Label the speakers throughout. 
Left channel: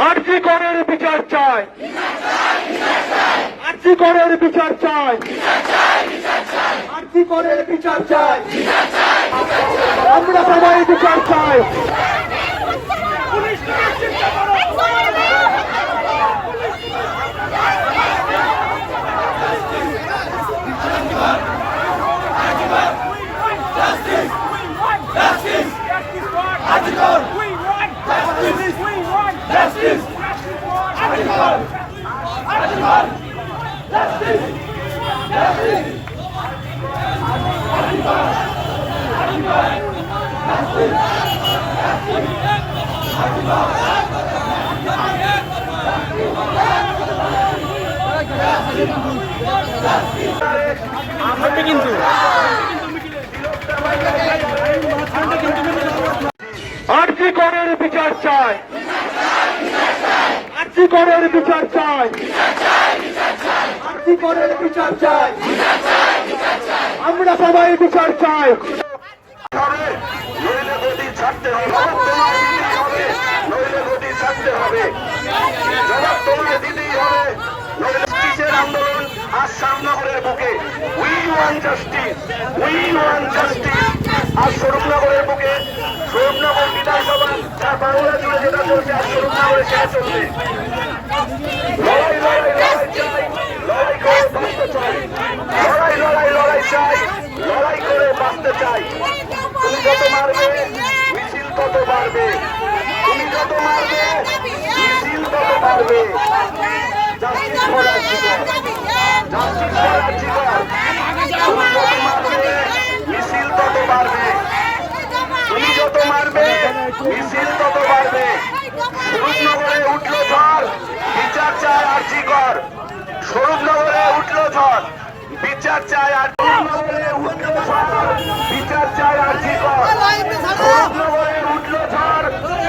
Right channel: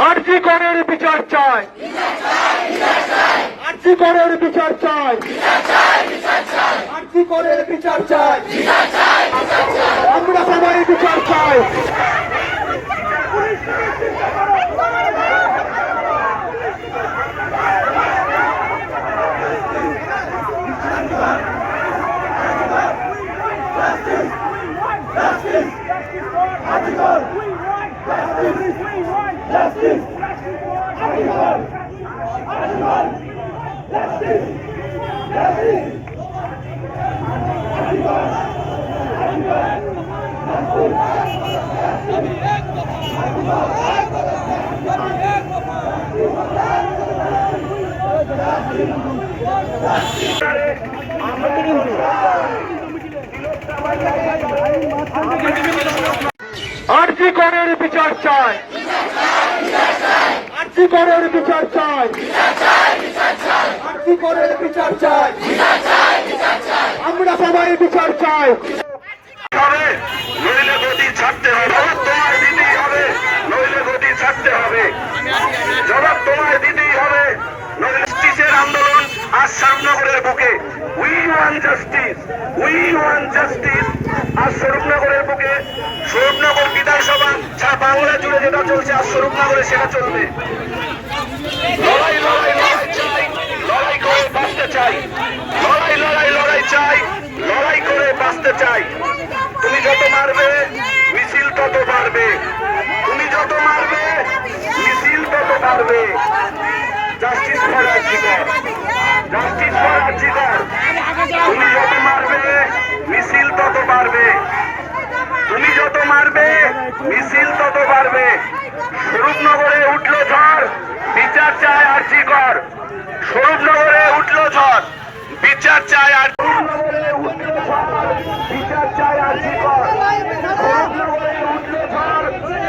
Speaker 1: আরজি করের বিচার চাই আরজি করের বিচার চাই আরজি করের বিচার চাই আমরা সবাই বিচার চাই.
Speaker 2: We want justice. Article. Article. Justice. Justice.
Speaker 1: আরজি করের বিচার চাই আরজি করের বিচার চাই। আরজি বিচার চাই। আমরা সবাই বিচার চাই।
Speaker 3: নইলে গতি ছাড়তে হবে। তোমায় দিতেই হবে, নইলে গতি ছাড়তে হবে। জবাব তোমায় দিতেই হবে জাস্টিসের আন্দোলন আজ শ্যামনগরের বুকে। We want justice we want justice আজ স্বরূপনগরের বুকে, স্বরূপনগর বিধানসভা বাংলা জুড়ে যেটা চলছে আজ স্বরূপনগরে সেটা চলবে। লড়াই লড়াই লড়াই চাই, লড়াই করে বাঁচতে চাই। লড়াই লড়াই লড়াই চাই, লড়াই করে বাঁচতে চাই। তুমি যত মারবে, মিছিল তত বাড়বে। তুমি যত মারবে, মিছিল তত বাড়বে। জাস্টিস ফর রাজ্যিকর জাস্টিস ফর রাজ্যিকর তুমি যত মারবে মিছিল তত বাড়বে তুমি যত মারবে, মিছিল তত বাড়বে। স্বরূপনগরে উঠল ঝড়, বিচার চায় আরজি কর। স্বরূপনগরে উঠল ঝড়, বিচার চায় আর বিচার চায়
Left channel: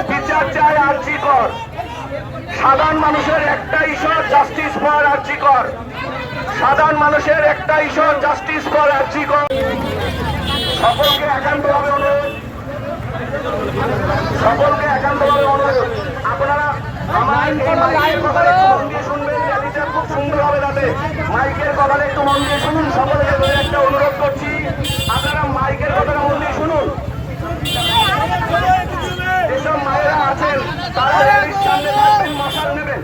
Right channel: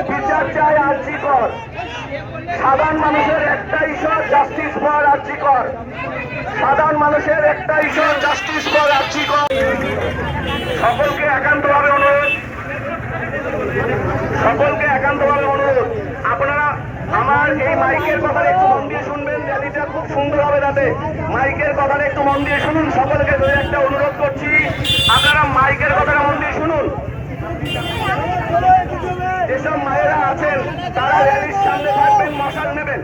Speaker 3: বিচার চায় আরজি কর। সাধারণ মানুষের একটা ঈশ্বর জাস্টিস ফর আরজি কর। সাধারণ মানুষের একটা ঈশ্বর জাস্টিস ফর আরজি কর। সকলকে একান্তভাবে অনুরোধ সকলকে একান্তভাবে অনুরোধ, আপনারা আমার এই মাইকের কথাটা একটু মন দিয়ে শুনবেন, র্যালিটা খুব সুন্দর হবে তাতে মাইকের কথাটা একটু মন দিয়ে শুনুন, সকলকে ধরে একটা অনুরোধ করছি, আপনারা মাইকের কথাটা মন দিয়ে শুনুন। যেসব মায়েরা আছেন, তারা র্যালির সামনে থাকবেন, মশাল নেবেন।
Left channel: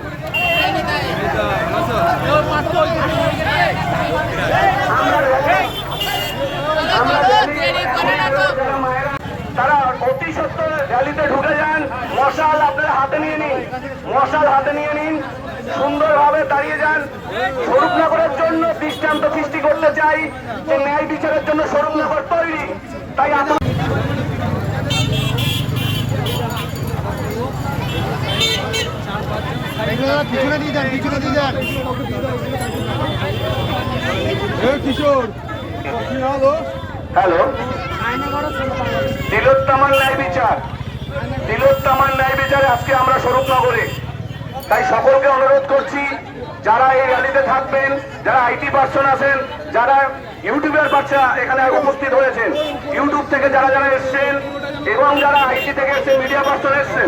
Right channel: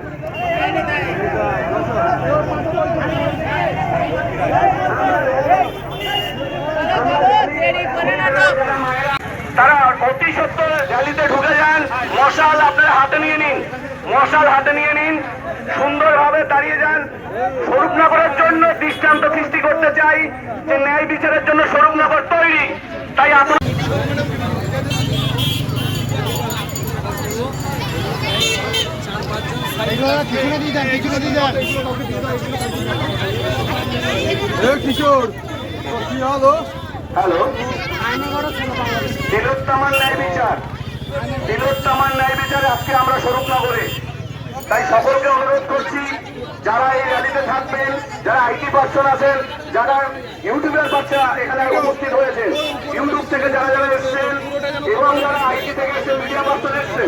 Speaker 3: তারা অতি সত্য র্যালিতে ঢুকে যান। মশাল আপনারা হাতে নিয়ে নিন। মশাল হাতে নিয়ে নিন। সুন্দরভাবে দাঁড়িয়ে যান। স্বরূপনগরের জন্য দৃষ্টান্ত সৃষ্টি করতে চাই যে ন্যায় বিচারের জন্য স্বরূপনগর তৈরি। তাই আপনার
Speaker 4: কিশোর
Speaker 3: হ্যালো। তিলোত্তমার ন্যায় বিচার। তিলোত্তমার ন্যায় বিচারে আজকে আমরা স্বরূপনগরে। তাই সকলকে অনুরোধ করছি, যারা এই র্যালিতে থাকবেন, যারা আইটি পার্সন আছেন, যারা ইউটিউবের বাচ্চা এখানে উপস্থিত হয়েছেন ইউটিউব থেকে যারা যারা এসছেন, এবং যারা আইটি থেকে এসে মিডিয়া পার্সন এসছেন।